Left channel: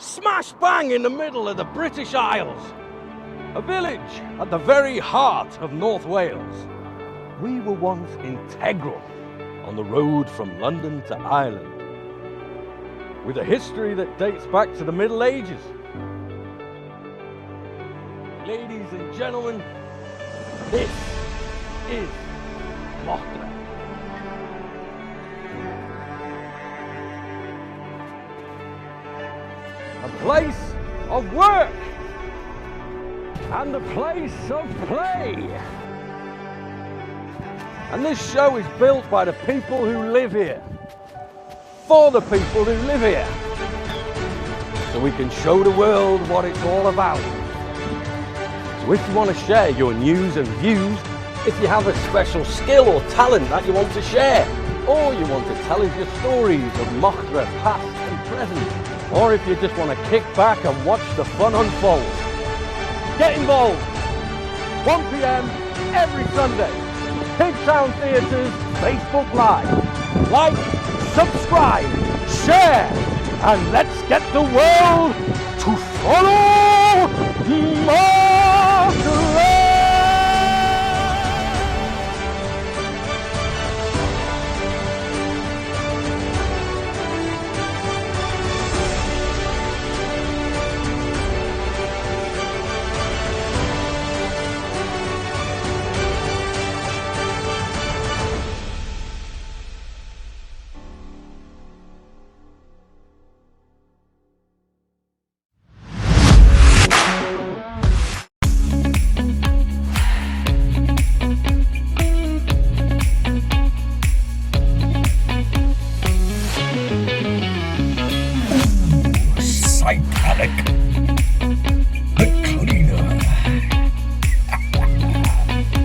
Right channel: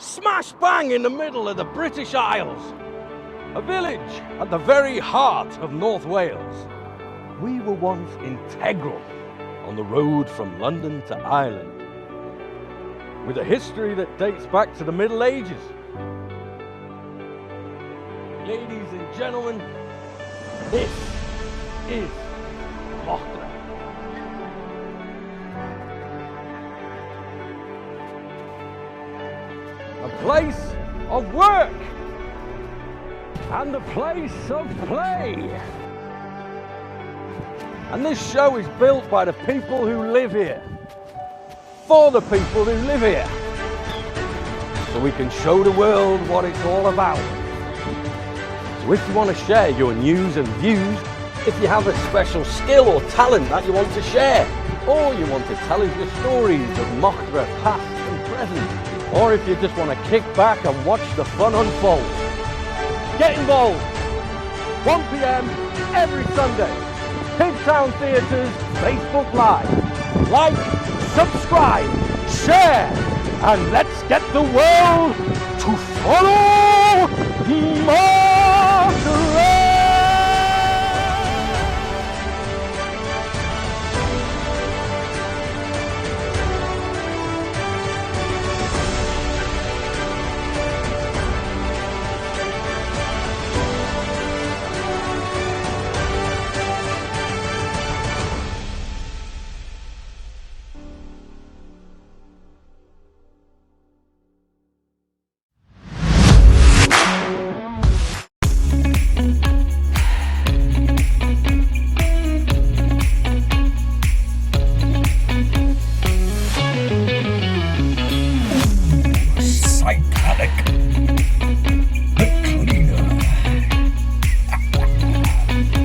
smash bang in the middle of the British Isles. A village at the very heart of North Wales. We were once integral on the road from London to Ireland, with a history that dates back to the Middle Ages. Ladies and gentlemen, this is Mochdre. A place of work and a place of play. And this show is built by the people who live here, for the people who live here, so we can show the world what it's all about. So if you want to share your news and views, if you have a special skill or talent that you want to share, or you want to tell us your stories of Mochdre past and present, or if you just want to kick back and watch the fun unfold, get involved. 1 p.m. every Sunday. Pigtown Theatre's Facebook Live. Like, subscribe, share, and let's get the world to follow Mochdre.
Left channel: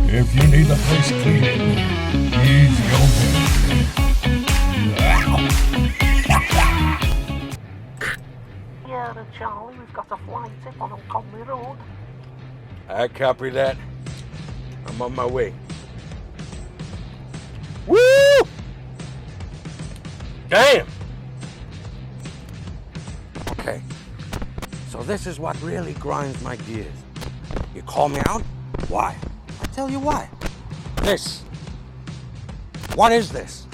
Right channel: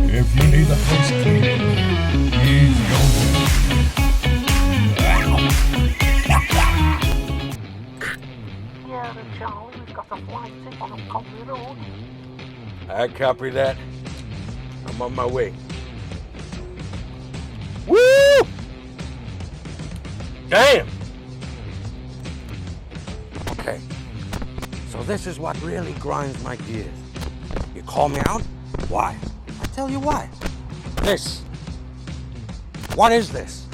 If you need the place cleaning, he's your man. Yeah, Charlie, we've got a flight tip on Conley Road. I copy that. I'm on my way. Woo! Damn! Okay, so this is what really grinds my gears. You call me out? Why? I'll tell you why. This. What is this?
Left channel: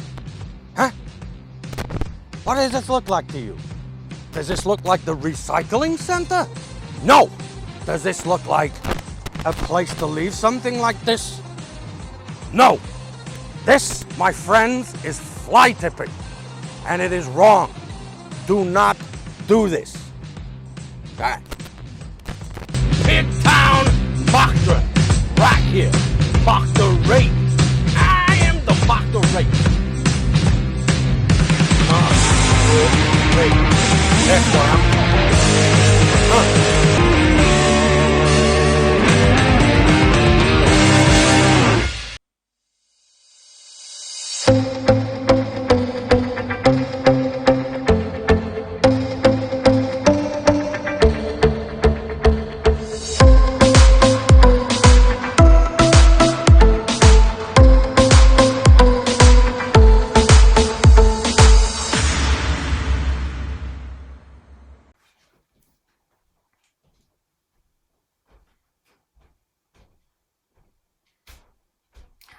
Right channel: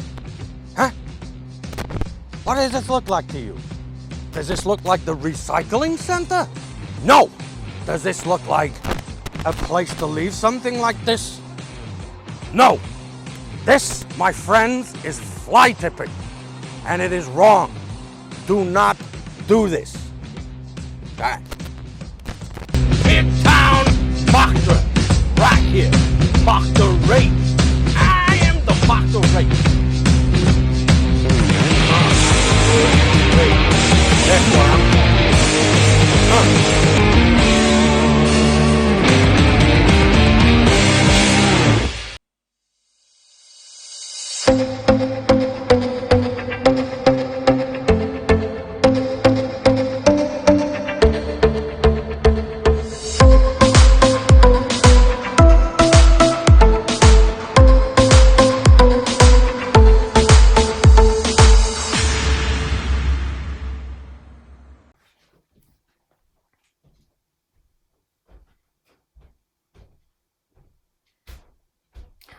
Huh? What does this look like to you? Does this look like the recycling center? No! Does this look like a place to leave something like this? No! This, my friends, is fly tipping. And it is wrong. Do not do this. Okay? Pigtown Mochdre. Right here. Mochdre. I am the Mochdre. That's what I'm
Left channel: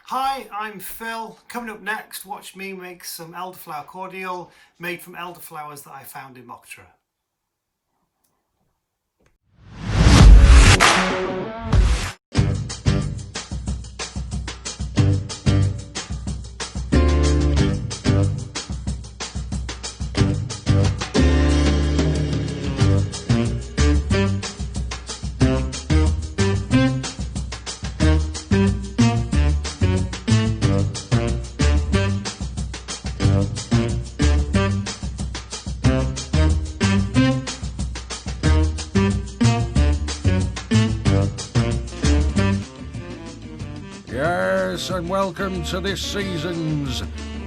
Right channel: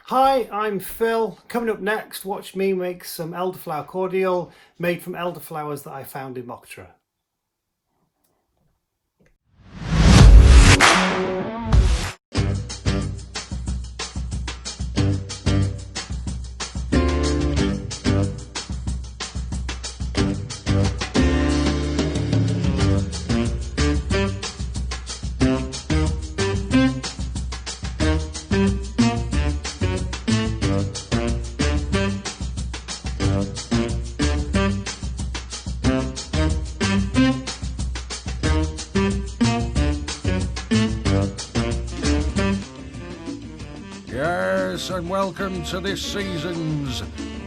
Hi, I'm Phil. Coming up next, watch me make some elderflower cordial made from elderflowers that I found in Mochdre. Yes, and welcome to this season's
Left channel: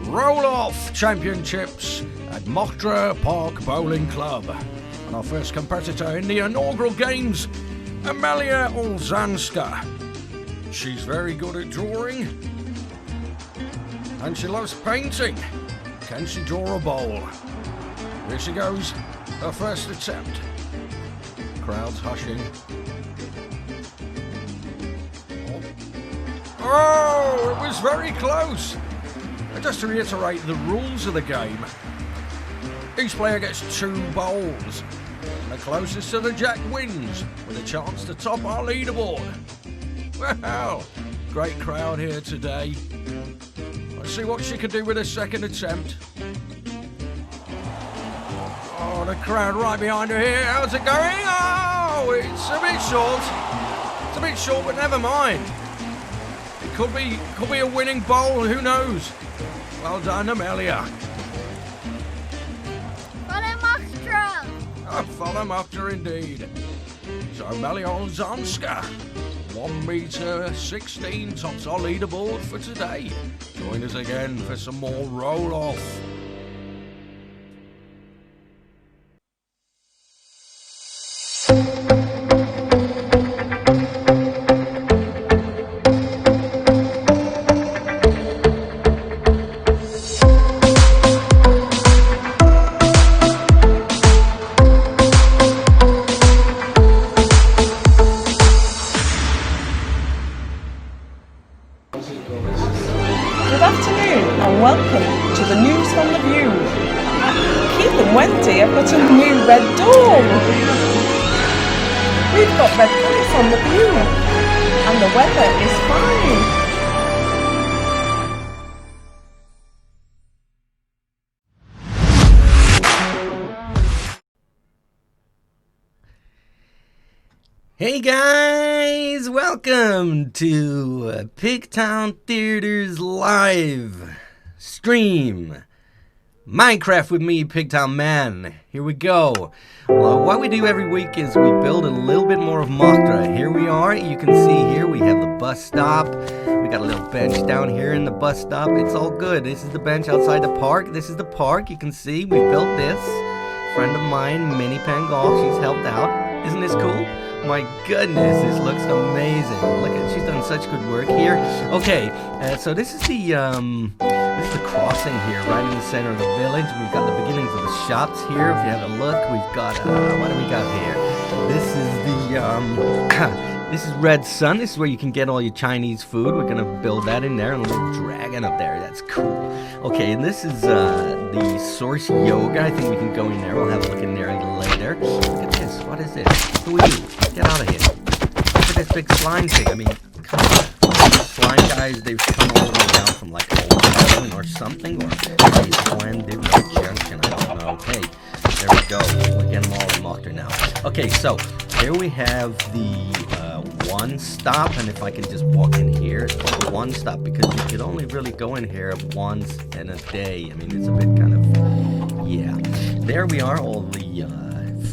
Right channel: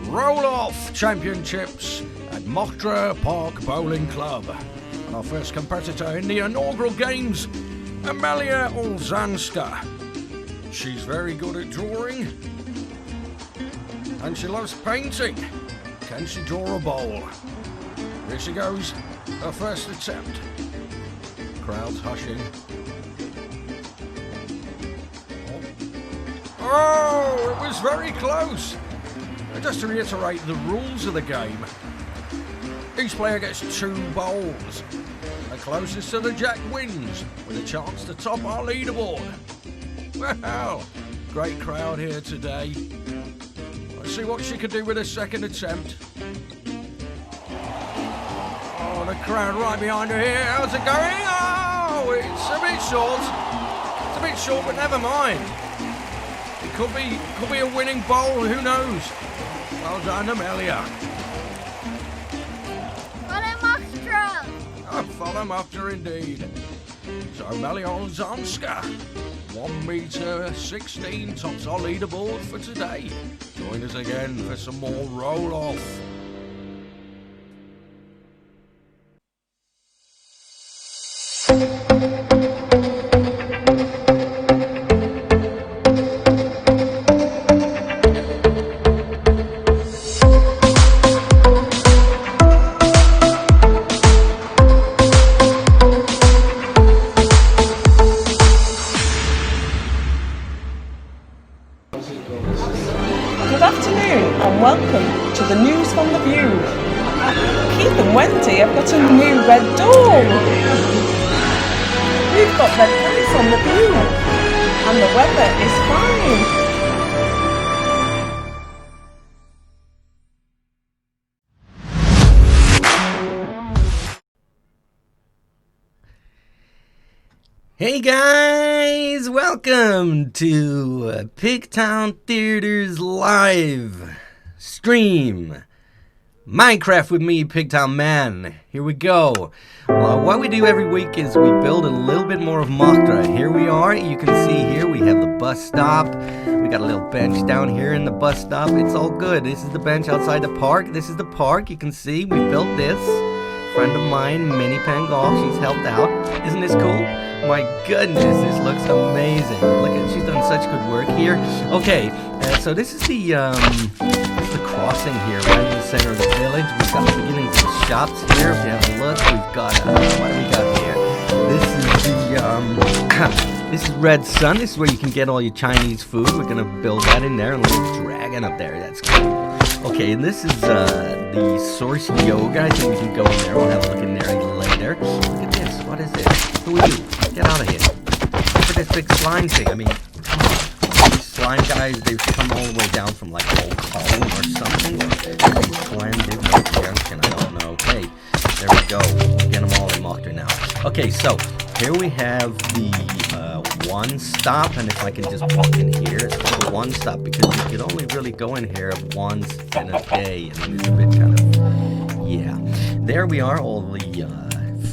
Roll-Off Championships at Mochdre Park Bowling Club. And our first competitor in the inaugural games, Amelia Olzanska. She's very good at drawing, and she loves painting. Can she draw a bowl? Here she goes, her first attempt. Crowd's hushing. Oh, it was very close. Just to reiterate the rules of the game, each player gets 2 bowls. The closest to the jack wins, with a chance to top our leaderboard. Well, great crowd here today. Let's see what she can do with her second attempt. Oh, the crowd right behind her here. How's it going? Oh, it's a bit short. It's a bit short, but never mind. It could be a winning bowl. Who knows? Well done, Amelia. Follow Mochdre. Oh, follow Mochdre indeed. So Amelia Olzanska, 1m16, tops our leaderboard for today. Join us again for some more roll-off. Good afternoon and welcome to the news from the view. Keith and Wendy have got a new red door. We've got red lights on the view and the weather is fine. Hey guys, welcome to Pigtown Theater's live stream. Minecraft with me, Pigtown Man. Here we go. Well, what we do every week is we build a little bit more of Mochdre. Here we are. You can see here we have the bus stop. We got a little bench down here in the bus stop. It's all good. This is the bench outside the park. This is the park. You can see we built this. Friend of mine, Minnie Pangol, she's helped out. Isn't this cool? My goodness, this looks amazing. Look at, she's done such good work here. Okay, so this is the crossing here, right in the center of the village. We've got the beginnings of the shops here. If you have a look, we've got what do we got here? This is the this is Red Sun. This is where you can get all your Chinese food. We're gonna build that in there, and a little dragon up there. That's cool. Okay, and this is the Source Yoga. I think we can go in there. We'll have a look in there later. Look at this. What is this? Who are you? Get out of here. Look at this big slime thing. I mean, these slime guys, they've come all the way down from like old heaven or something. Or they splendid junction. I don't know. Okay, there we go. We'll get them all in Mochdre now. Okay, so here we have the one stop, and if I can just walk in here, it's called one stop because you can only really go in here once in a day. I mean, it's a bit kind of, yeah. There we are, all the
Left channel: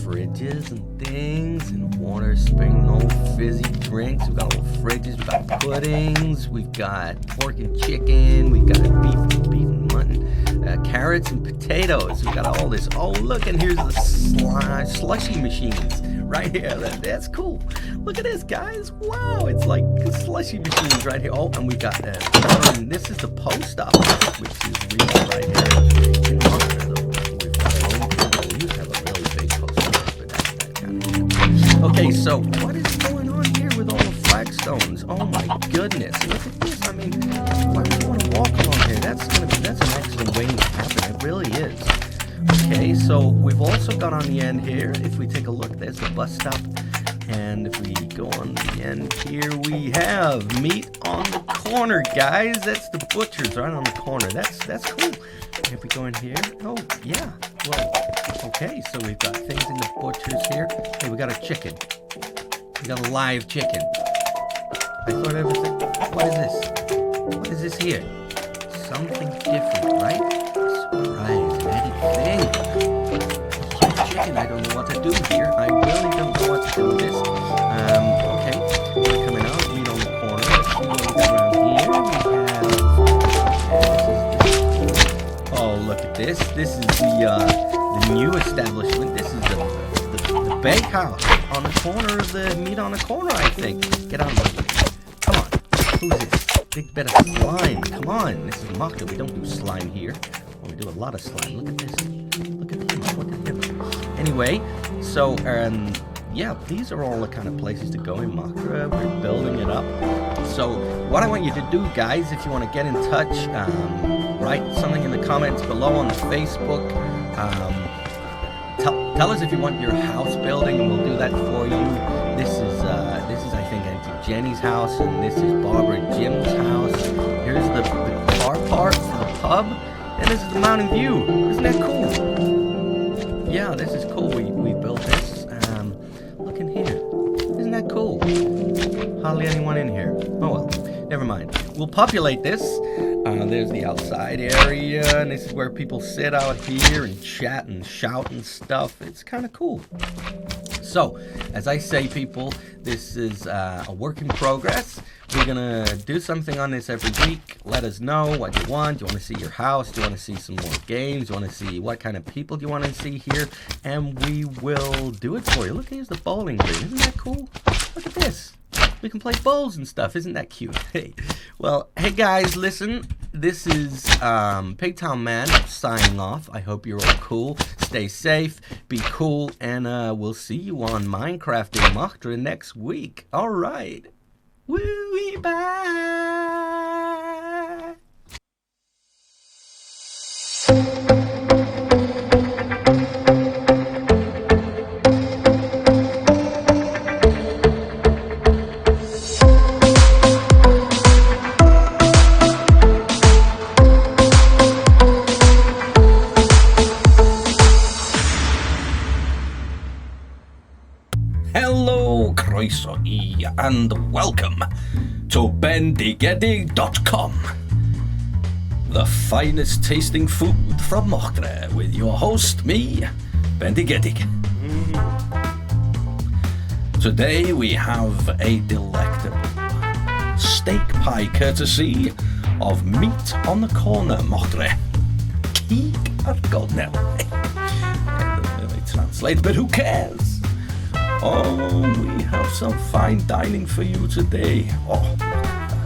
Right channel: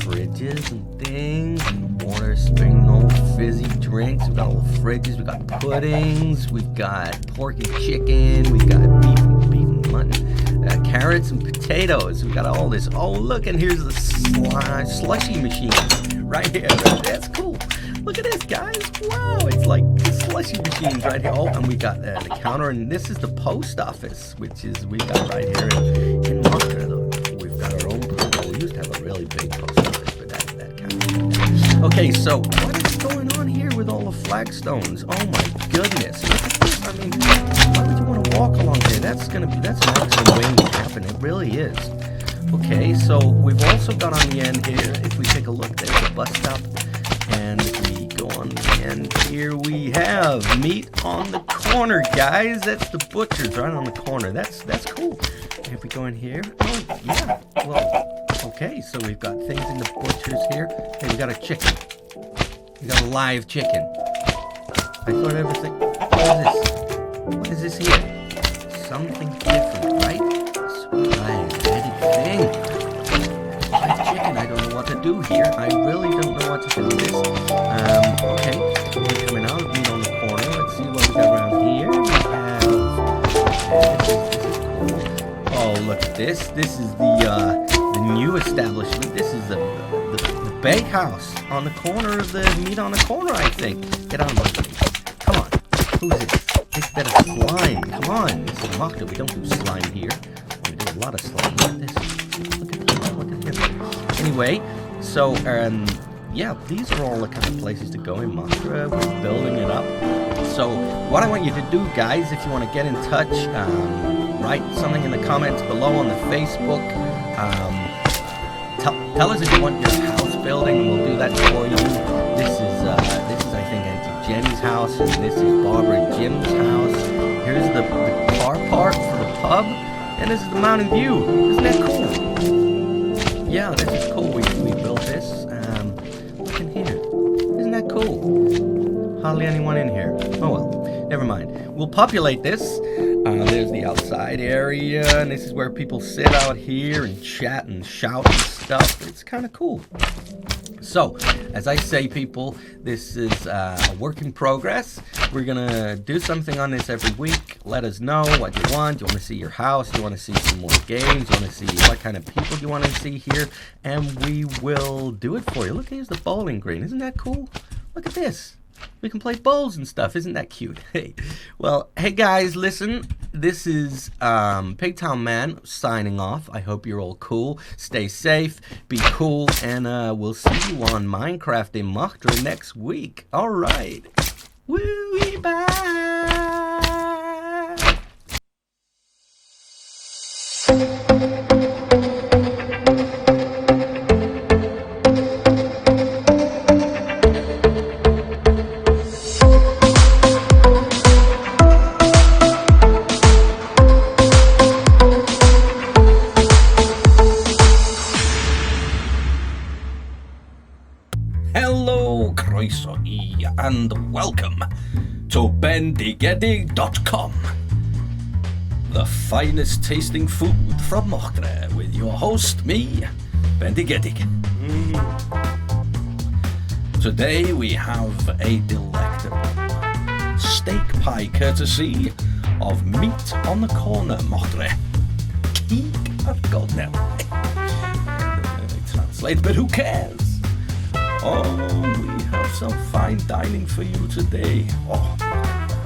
fridges and things, and water, spring, no fizzy drinks. We've got all fridges, we've got puddings, we've got pork and chicken, we've got beef and mutton, carrots and potatoes. We've got all this. Oh, look, and here's the slushy machines right here. That's cool. Look at this, guys. Wow, it's like slushy machines right here. Oh, and we got that counter, and this is the post office, which is we got right here in Mochdre. We've got our own post. We used to have a really big post office, but that's that kind of thing. Okay, so what is going on here with all the flagstones? Oh my goodness. Look at this. I mean, why would you want to walk along here? That's an accident waiting to happen. It really is. Okay, so we've also got on the end here, if we take a look, there's the bus stop. And if we go on the end here, we have meat on the corner, guys. That's the butcher's right on the corner. That's cool. If we go in here, oh yeah. Well, okay. So we've got things in the butcher's here. Hey, we got a chicken. We got a live chicken. I thought everything. What is this? What is this here? Something different, right? Surprise, added thing. Chicken, I don't know what to do here. I really don't know what to do with this. Okay, we're coming out, meat on the corner. Let's see what we got around here. We have, oh, look at this. This is the new establishment. This is the bakehouse on the corner of the meat on the corner, I think. Get on, buddy. Come on. Who's this? Big bit of slime. Come on. This is Mochdre. We don't do slime here. We do a lot of slime. Look at this. Look at this. Anyway, so yeah, these are all the kind of places to go in Mochdre. We're building it up. So what I want you to do, guys, if you want to get in touch, write something in the comments below on the Facebook. Tell us if you want your house building, and we'll do that for you. This is I think Auntie Jenny's house, and this is Barbara and Jim's house. Here's the car park for the pub, and this is the mountain view. Isn't that cool? Yeah, this is cool. We built this. Look in here. Isn't that cool? Hardly anyone in here. Oh well, never mind. We'll populate this. There's the outside area, and this is where people sit out here and chat and shout and stuff. It's kind of cool. So, as I say, people, this is a work in progress. We're gonna do something on this every week. Let us know what you want. Do you want to see your house? Do you want to see some more games? Do you want to see what kind of people you want to see here? And we will do it for you. Look, here's the bowling green. Isn't that cool? Look at this. We can play bowls and stuff. Isn't that cute? Hey, well, hey guys, listen. This is Pigtown Man signing off. I hope you're all cool. Stay safe, be cool, and we'll see you on Minecraft in Mochdre next week. All right. Woo, bye. Hello, croeso I, and welcome to bendigedig.com, the finest tasting food from Mochdre, with your host, me, Bendigedig. Today we have a delectable steak pie courtesy of Meat on the Corner, Mochdre. Keek ar godnel. Translate, but who cares? Oh, we have some fine dining for you today. Oh, look at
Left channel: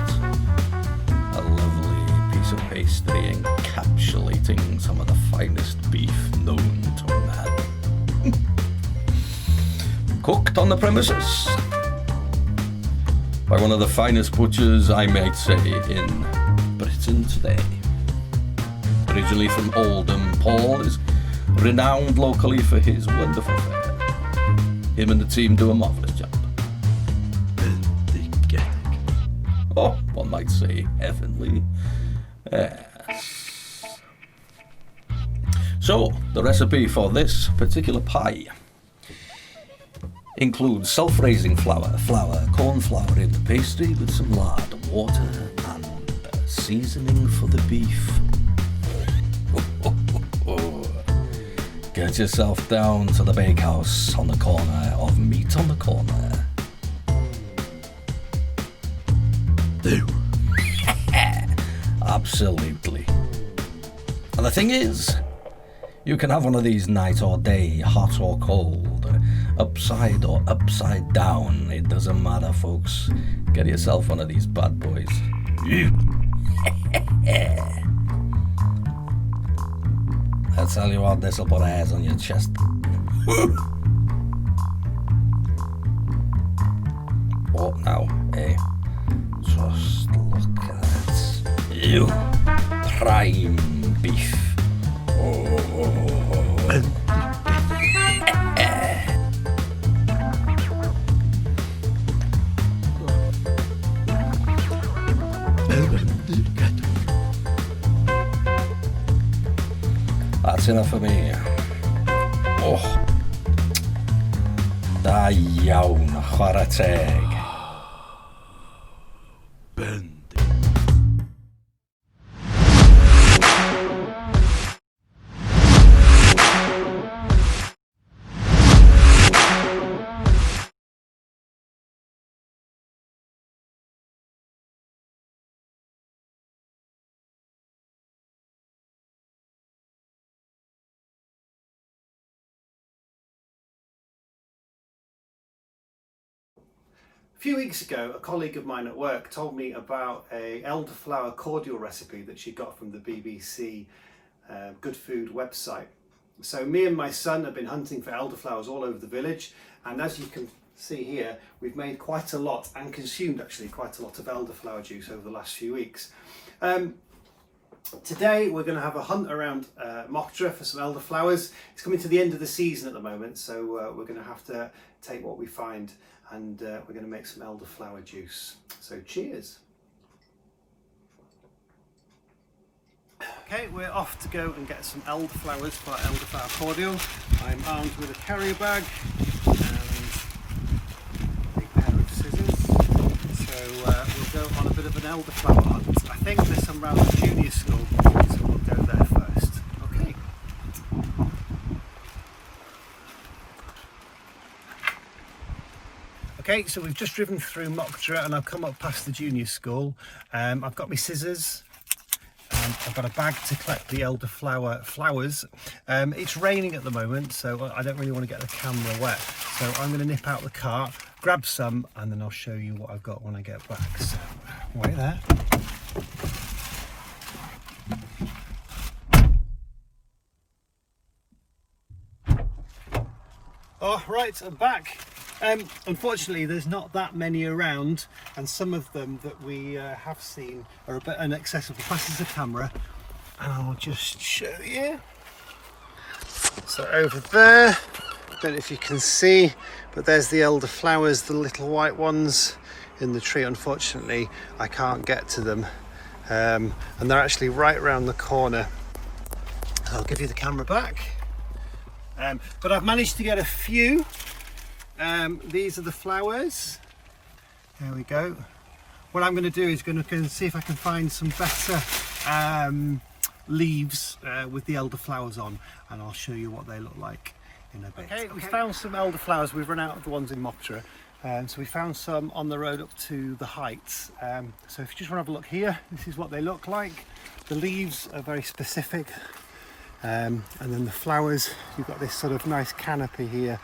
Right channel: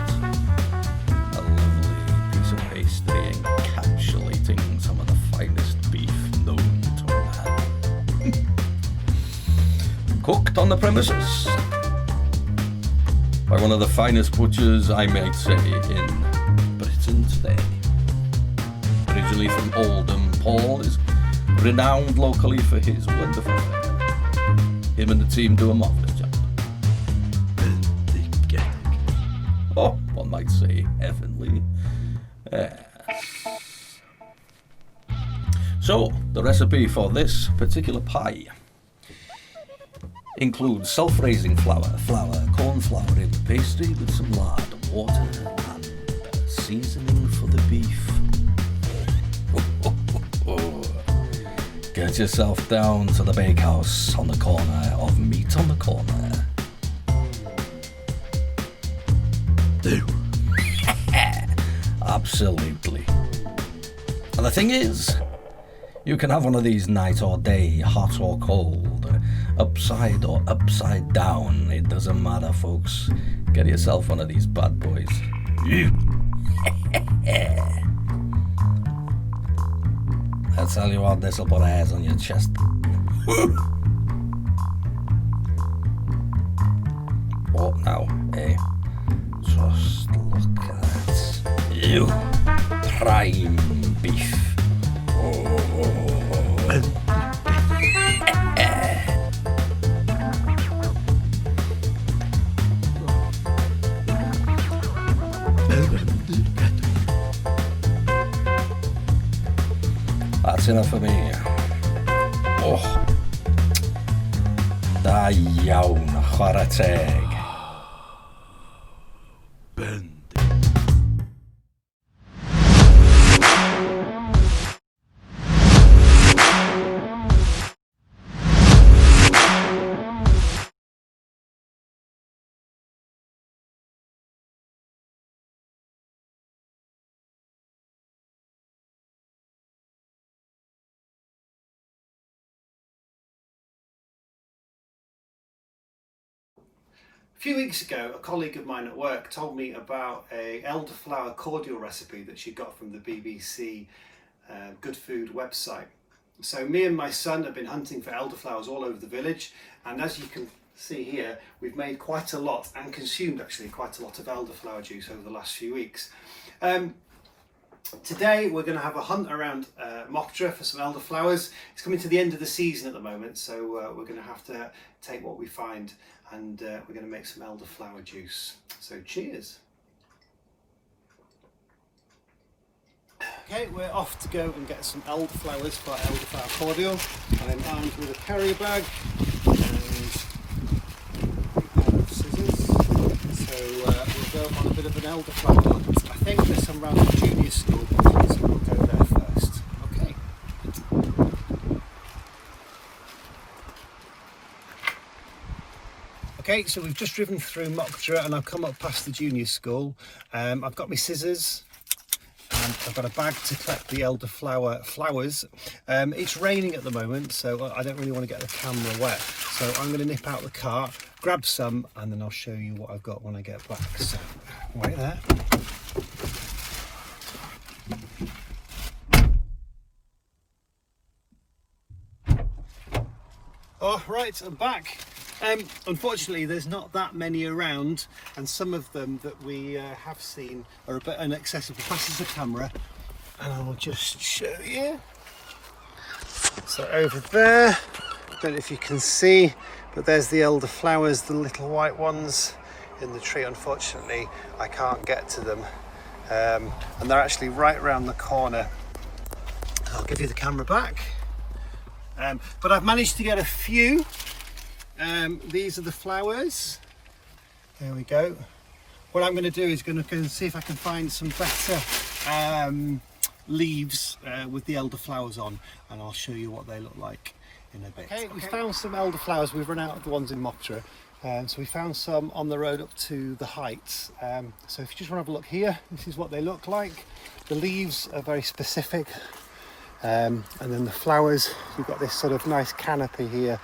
that. A lovely piece of pastry encapsulating some of the finest beef known to man. Cooked on the premises by one of the finest butchers, I might say, in Britain today. Originally from Oldham, Paul is renowned locally for his wonderful fare. Him and the team do a marvellous job. Oh, one might say heavenly. Yes. So, the recipe for this particular pie includes self-raising flour, corn flour in the pastry with some lard, water, and seasoning for the beef. Get yourself down to the bakehouse on the corner of Meat on the Corner. Do. Absolutely. And the thing is, you can have one of these night or day, hot or cold, upside or upside down. It doesn't matter, folks. Get yourself one of these bad boys. I tell you what, this'll put hairs on your chest. What now, eh? Just look at that. Ew. Prime beef. That's enough for me. Oh. Da iawn, chwarae teg. A few weeks ago, a colleague of mine at work told me about a elderflower cordial recipe that she got from the BBC Good Food website. So me and my son have been hunting for elderflowers all over the village, and as you can see here, we've made quite a lot and consumed actually quite a lot of elderflower juice over the last few weeks. Today we're going to have a hunt around Mochdre for some elderflowers. It's coming to the end of the season at the moment, so we're going to have to take what we find, and we're going to make some elderflower juice. So cheers! Okay, we're off to go and get some elderflowers for our elderflower cordial. I'm armed with a carrier bag and a pair of scissors. So we'll go on a bit of an elderflower hunt. I think there's some around the junior school, so we'll go there first. Okay. Okay, so we've just driven through Mochdre and I've come up past the junior school. I've got my scissors. And I've got a bag to collect the elderflower flowers. It's raining at the moment, so I don't really want to get the camera wet. So I'm going to nip out the car, grab some, and then I'll show you what I've got when I get back. So wait there. Oh, right, I'm back. Unfortunately, there's not that many around, and some of them that we have seen are a bit inaccessible. Passes the camera, and I'll just show you. So over there, I don't know if you can see, but there's the elderflowers, the little white ones in the tree. Unfortunately, I can't get to them, and they're actually right around the corner. I'll give you the camera back, but I've managed to get a few. These are the flowers. There we go. What I'm going to do is going to see if I can find some better leaves with the elderflowers on, and I'll show you what they look like in a bit. Okay, we found some elderflowers. We've run out of the ones in Mochdre, so we found some on the road up to the heights. So if you just want to have a look here, this is what they look like. The leaves are very specific, and then the flowers, you've got this sort of nice canopy here.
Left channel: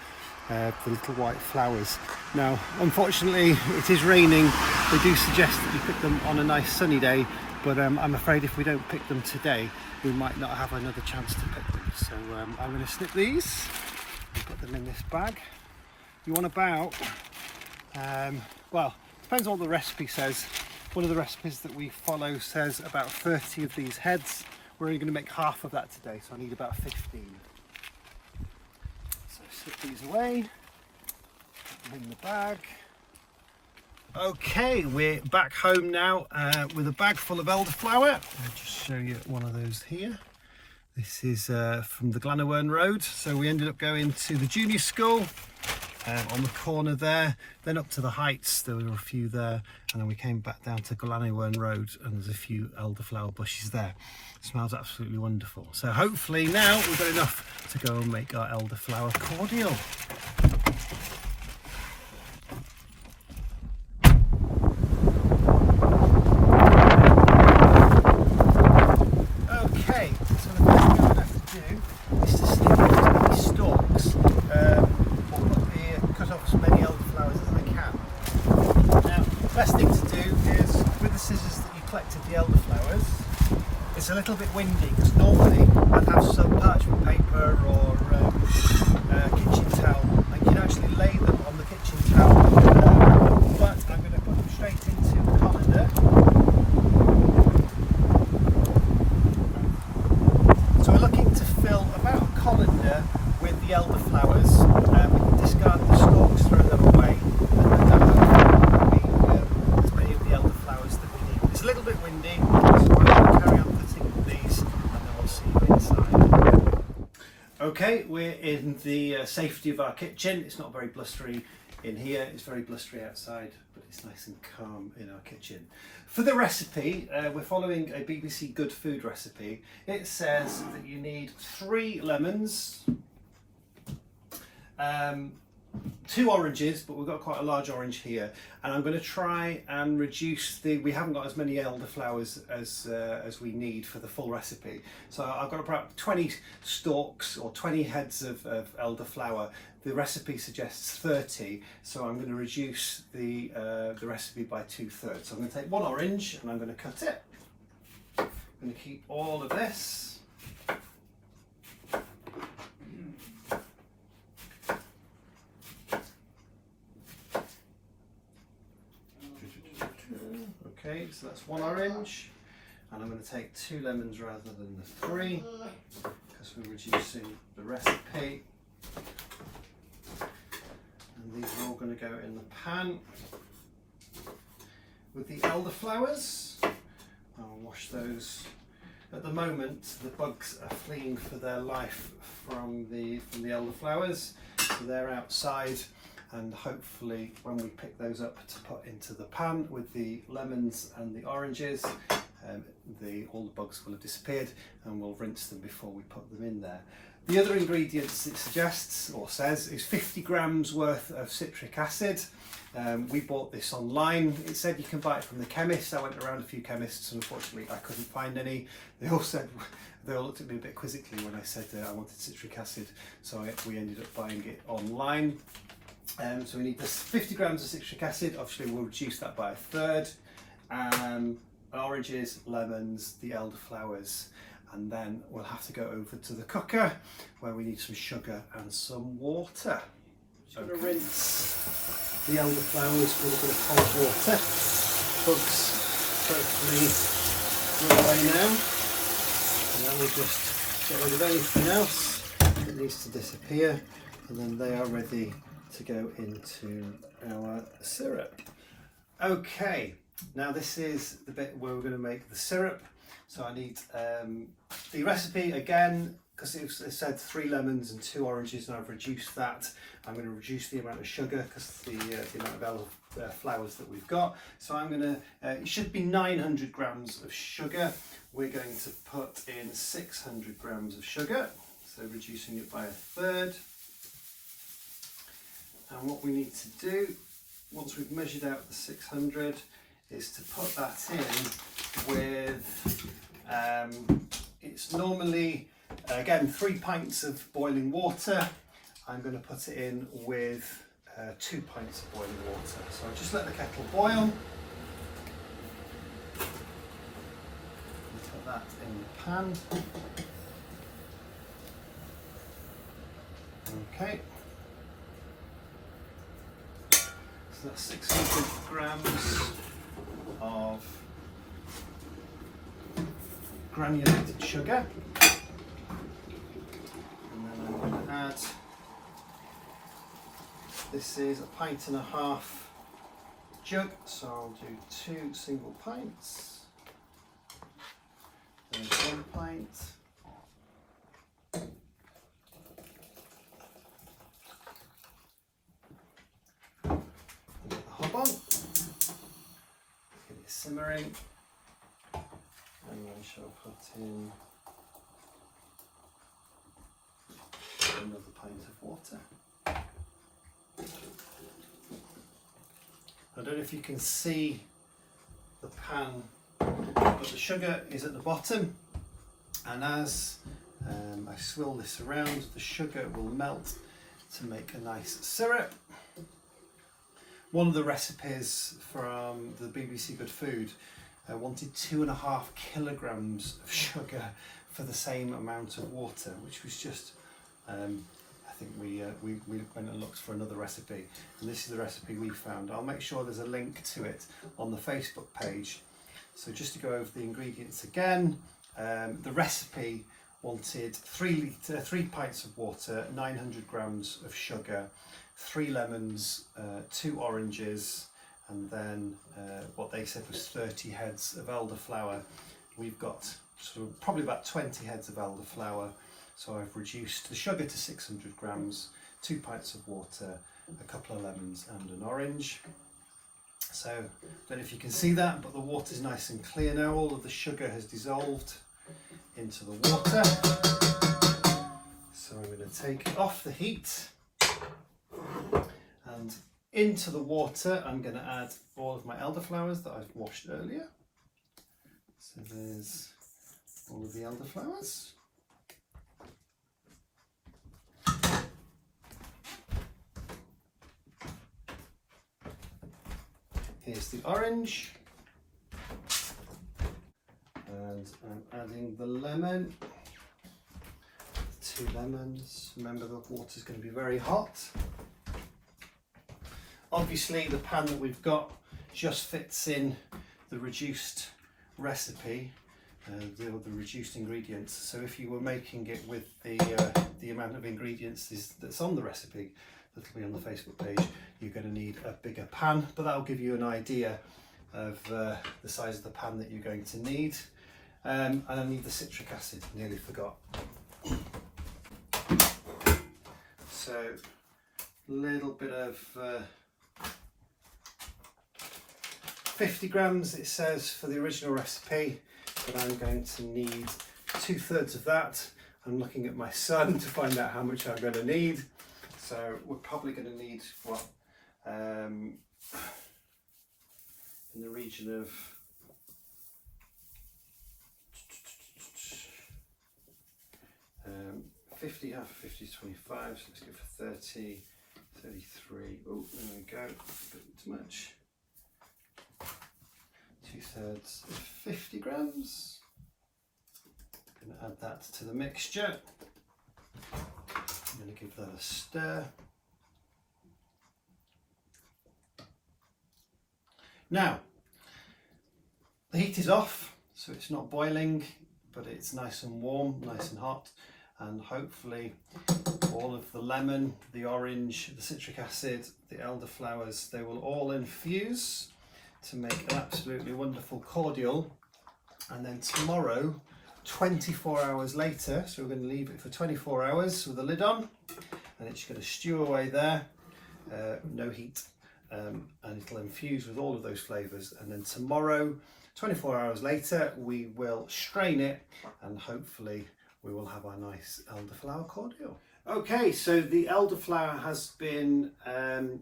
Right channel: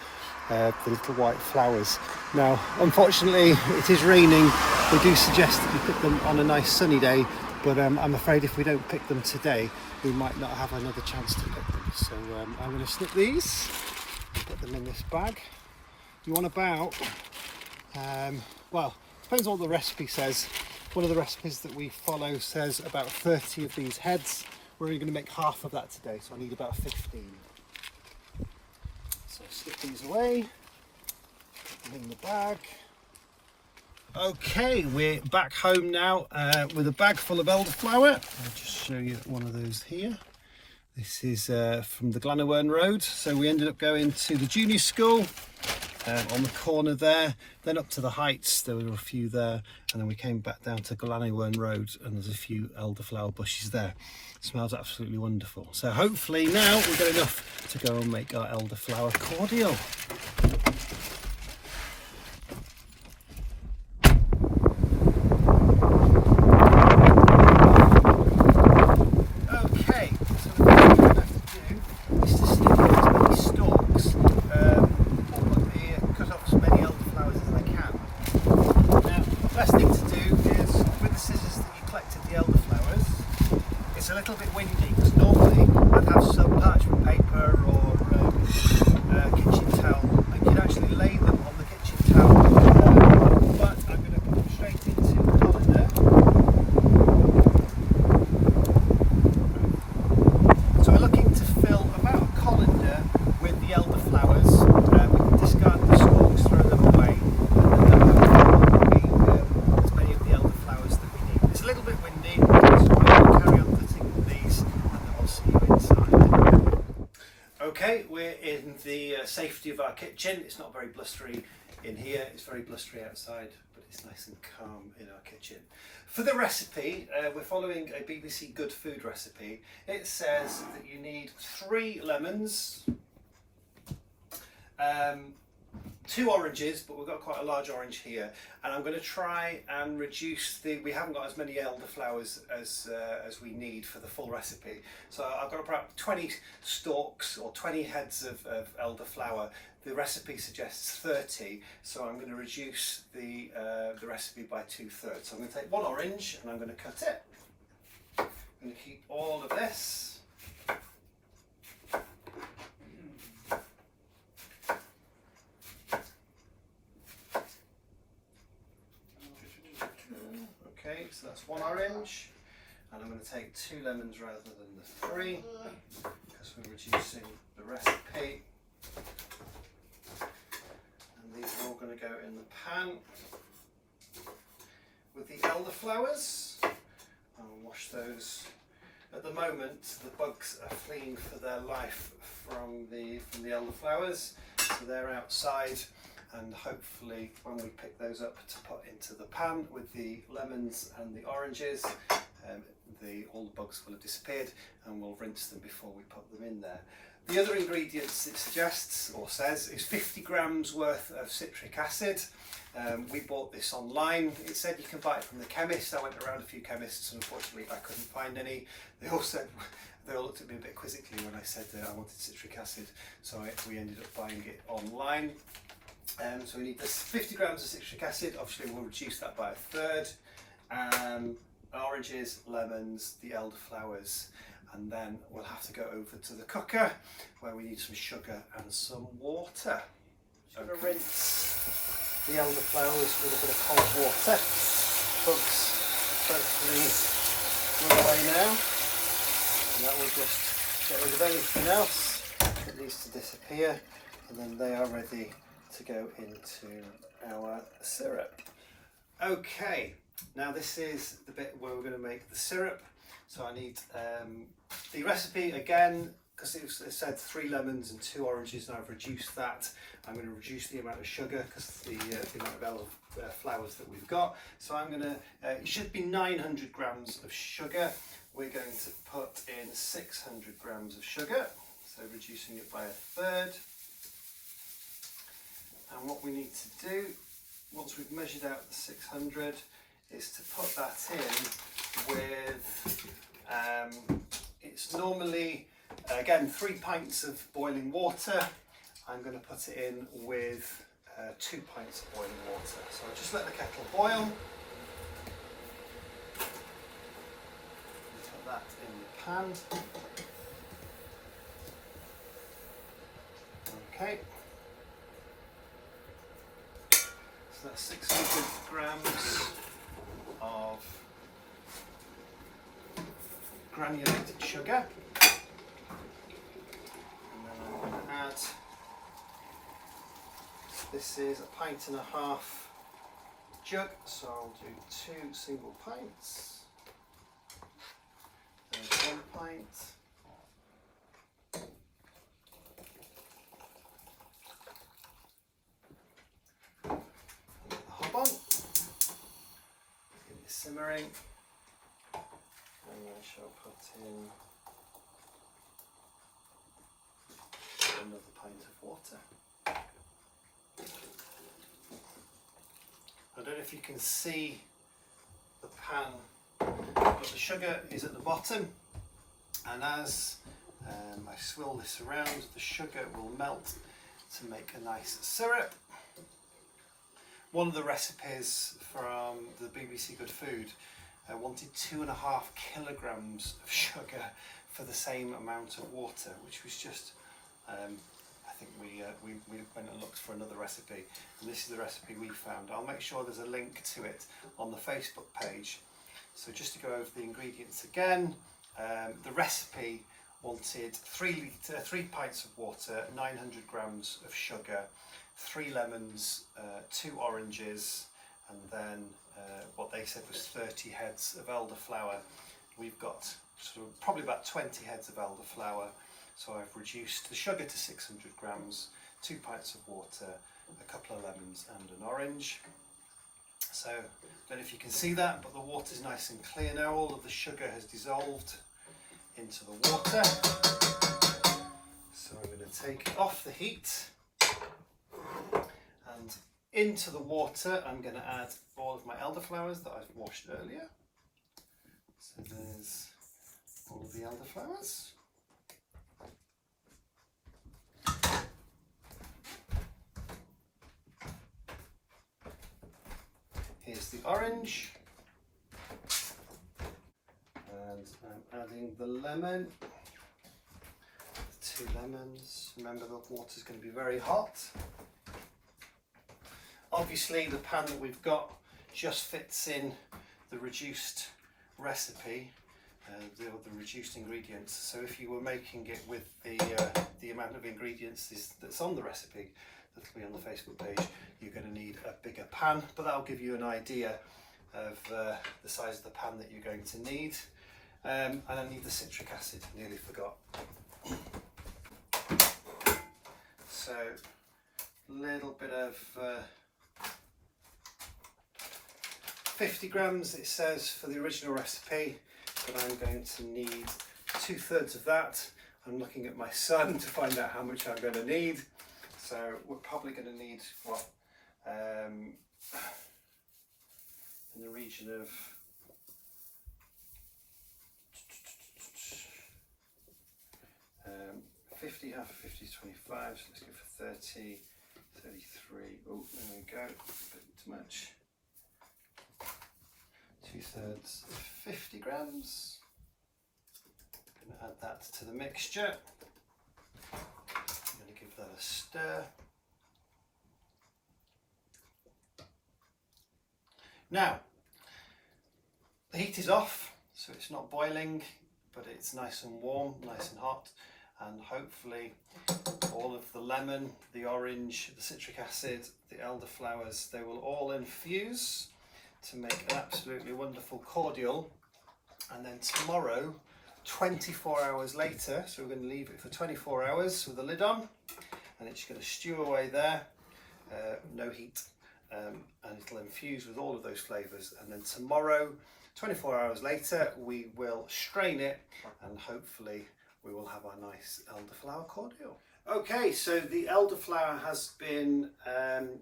The little white flowers. Now, unfortunately, it is raining. They do suggest that you pick them on a nice sunny day, but I'm afraid if we don't pick them today, we might not have another chance to pick them. So I'm going to snip these and put them in this bag. You want about, well, depends on what the recipe says. One of the recipes that we follow says about 30 of these heads. We're only going to make half of that today, so I need about 15. So slip these away, put them in the bag. Okay, we're back home now with a bag full of elderflower. I'll just show you one of those here. This is from the Culinary Road. So we ended up going to the junior school on the corner there, then up to the heights. There were a few there, and then we came back down to Culinary Road, and there's a few elderflower bushes there. It smells absolutely wonderful. So hopefully now we've got enough to go and make our elderflower cordial. Okay, so the first thing we have to do is to snip out these stalks. Cut off as many elderflowers as I can. Now, the best thing to do is with the scissors that you collected the elderflowers. It's a little bit windy because normally I'd have some parchment paper or kitchen towel. I can actually lay them on the kitchen towel, but I'm going to put them straight into the colander. So we're looking to fill about a colander with the elderflowers. We can discard the stalks, throw them away, as many of the elderflowers that we need. It's a little bit windy, so we'll carry on putting these, and then we'll see you inside. Okay, we're in the safety of our kitchen. It's not very blustery in here, it's very blustery outside, but it's nice and calm in our kitchen. For the recipe, we're following a BBC Good Food recipe. It says that you need 3 lemons, 2 oranges, but we've got quite a large orange here, and I'm going to try and reduce we haven't got as many elderflowers as we need for the full recipe. So I've got about 20 stalks or 20 heads of elderflower. The recipe suggests 30, so I'm going to reduce the recipe by 2/3. So I'm going to take 1 orange and I'm going to cut it. I'm going to keep all of this. Okay, so that's 1 orange, and I'm going to take 2 lemons rather than the 3 because we're reducing the recipe. And these are all going to go in the pan with the elderflowers. I'll wash those. At the moment, the bugs are fleeing for their life from the elderflowers, so they're outside. And hopefully when we pick those up to put into the pan with the lemons and the oranges, all the bugs will have disappeared, and we'll rinse them before we put them in there. The other ingredients it suggests or says is 50 grams worth of citric acid. We bought this online. It said you can buy it from the chemist. I went around a few chemists and unfortunately I couldn't find any. They all looked at me a bit quizzically when I said I wanted citric acid, so we ended up buying it online. So we need this 50 grams of citric acid. Obviously we'll reduce that by 1/3. Oranges, lemons, the elderflowers, and then we'll have to go over to the cooker where we need some sugar and some water. I'm going to rinse the elderflowers with a bit of cold water. Bugs hopefully go away now, and then we'll just get rid of anything else that needs to disappear, and then they are ready to go into our syrup. Okay, now this is the bit where we're going to make the syrup. So I need the recipe again, because it said 3 lemons and 2 oranges, and I've reduced that. I'm going to reduce the amount of sugar because the amount of flowers that we've got. So I'm going to, it should be 900 grams of sugar. We're going to put in 600 grams of sugar, so reducing it by 1/3. And what we need to do, once we've measured out the 600, is to put that in with, it's normally, again, 3 pints of boiling water. I'm going to put it in with 2 pints of boiling water. So I'll just let the kettle boil. Put that in the pan. Okay. So that's 600 grams of granulated sugar. And then I'm going to add, this is 1.5 pints jug, so I'll do 2 single pints. There's 1 pint. Get the hob on. Get it simmering. And then shall put in another pint of water. I don't know if you can see the pan, but the sugar is at the bottom, and as I swirl this around, the sugar will melt to make a nice syrup. One of the recipes from the BBC Good Food wanted 2.5 kilograms of sugar for the same amount of water, which was just, I think we went and looked for another recipe, and this is the recipe we found. I'll make sure there's a link to it on the Facebook page. So just to go over the ingredients again, the recipe wanted 3 pints of water, 900 grams of sugar, 3 lemons, 2 oranges, and then what they said was 30 heads of elderflower. We've got sort of probably about 20 heads of elderflower, so I've reduced the sugar to 600 grams, 2 pints of water, a couple of lemons and an orange. So I don't know if you can see that, but the water is nice and clear now. All of the sugar has dissolved into the water. So I'm going to take it off the heat, and into the water I'm going to add all of my elderflowers that I've washed earlier. So there's all of the elderflowers. Here's the orange, and I'm adding the lemon, 2 lemons. Remember, the water's going to be very hot. Obviously the pan that we've got just fits in the reduced recipe, the reduced ingredients. So if you were making it with the amount of ingredients that's on the recipe that'll be on the Facebook page, you're going to need a bigger pan, but that'll give you an idea of the size of the pan that you're going to need. And I need the citric acid, nearly forgot. So a little bit of 50 grams it says for the original recipe, but I'm going to need 2/3 of that. I'm looking at my son to find out how much I'm going to need. So we're probably going to need what, in the region of 50, half of 50 is 25, so let's go for 30, 33, oh there we go, a bit too much. 2/3 of 50 grams. I'm going to add that to the mixture. I'm going to give that a stir. Now, the heat is off, so it's not boiling, but it's nice and warm, nice and hot, and hopefully all of the lemon, the orange, the citric acid, the elderflowers, they will all infuse to make an absolutely wonderful cordial. And then tomorrow, 24 hours later, so we're going to leave it for 24 hours with the lid on, and it's going to stew away there, no heat, and it'll infuse with all of those flavours. And then tomorrow, 24 hours later, we will strain it, and hopefully we will have our nice elderflower cordial. Okay, so the elderflower has been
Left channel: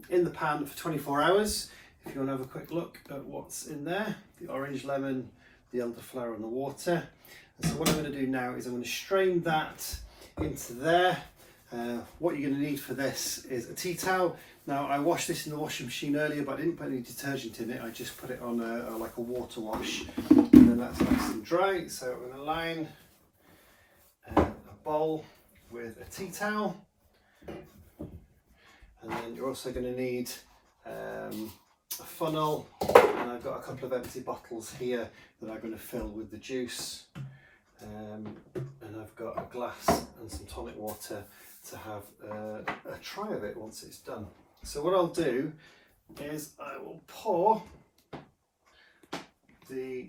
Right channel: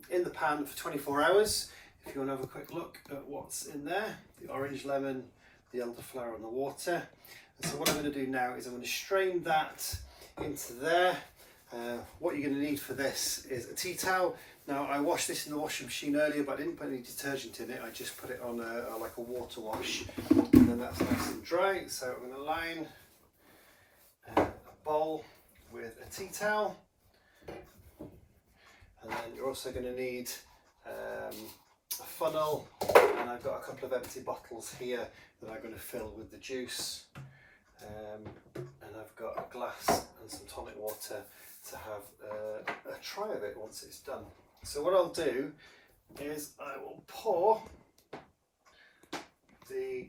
in the pan for 24 hours. If you want to have a quick look at what's in there, the orange lemon, the elderflower and the water. And so what I'm going to do now is I'm going to strain that into there. What you're going to need for this is a tea towel. Now I washed this in the washing machine earlier, but I didn't put any detergent in it. I just put it on like a water wash, and then that's nice and dry. So I'm going to line a bowl with a tea towel, and then you're also going to need a funnel, and I've got a couple of empty bottles here that I'm going to fill with the juice, and I've got a glass and some tonic water to have a try of it once it's done. So what I'll do is I will pour the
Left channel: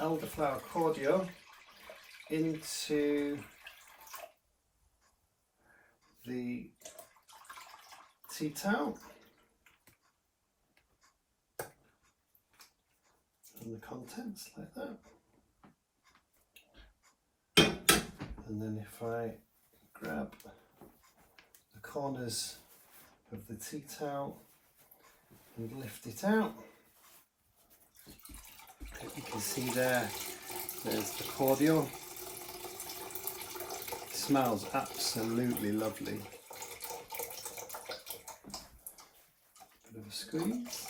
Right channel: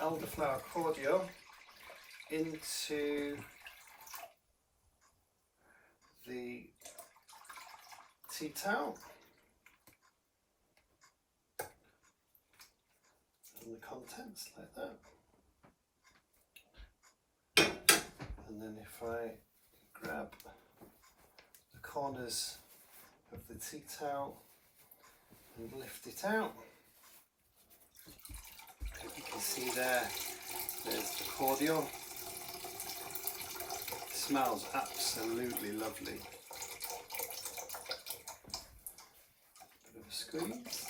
elderflower cordial into the tea towel and the contents like that. And then if I grab the corners of the tea towel and lift it out, you can see there's the cordial. It smells absolutely lovely. Bit of a squeeze.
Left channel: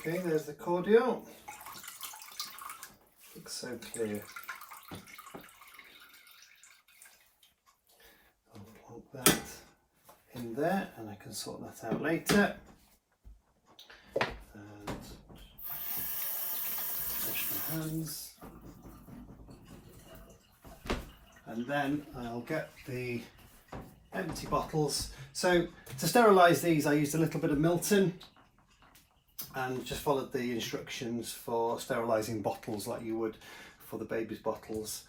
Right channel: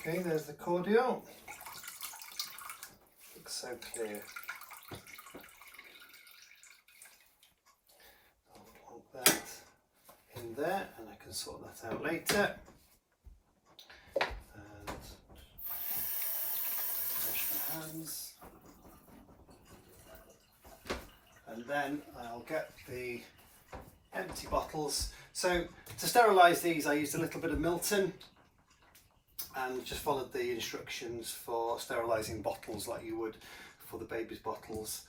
Okay, there's the cordial. Looks so clear. I'll plonk that in there, and I can sort that out later. And wash my hands. And then I'll get the empty bottles. So to sterilise these, I used a little bit of Milton and just followed the instructions for sterilising bottles like you would for the baby's bottles.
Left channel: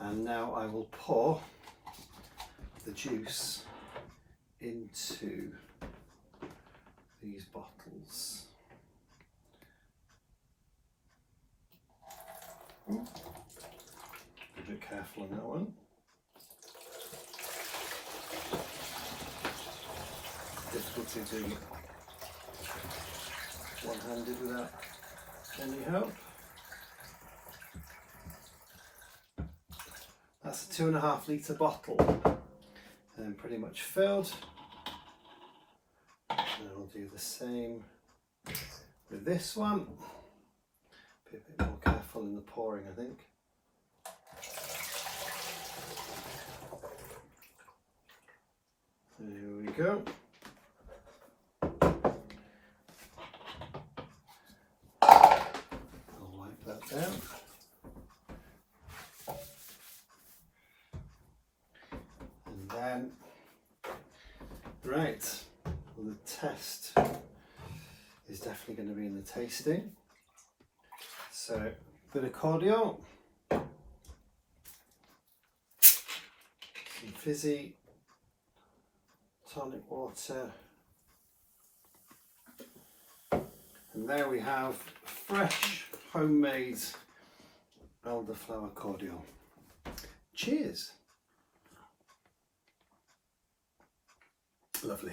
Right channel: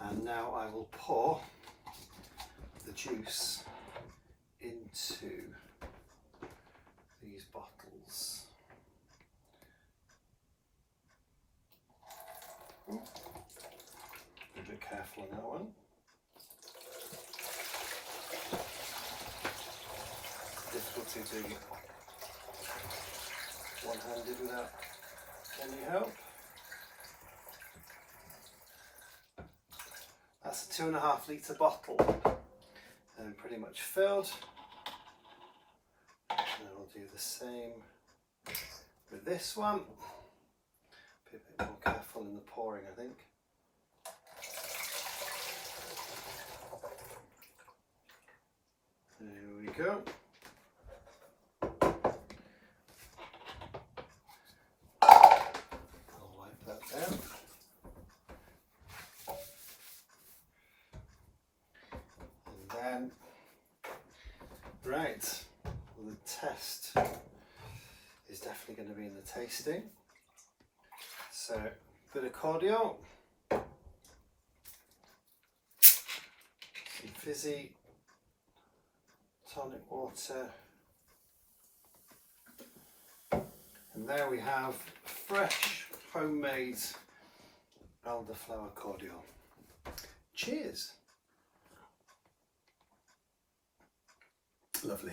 And now I will pour the juice into these bottles. Be a bit careful on that one. Difficulty doing it one-handed without any help. That's a 2.5 litre bottle and pretty much filled. And I'll do the same with this one. Be a bit more careful in the pouring, I think. we go. I'll wipe that down. And then, right, well, the test is definitely going to be in the tasting. So, a bit of cordial, some fizzy tonic water, and there we have fresh homemade elderflower cordial. Cheers! Lovely.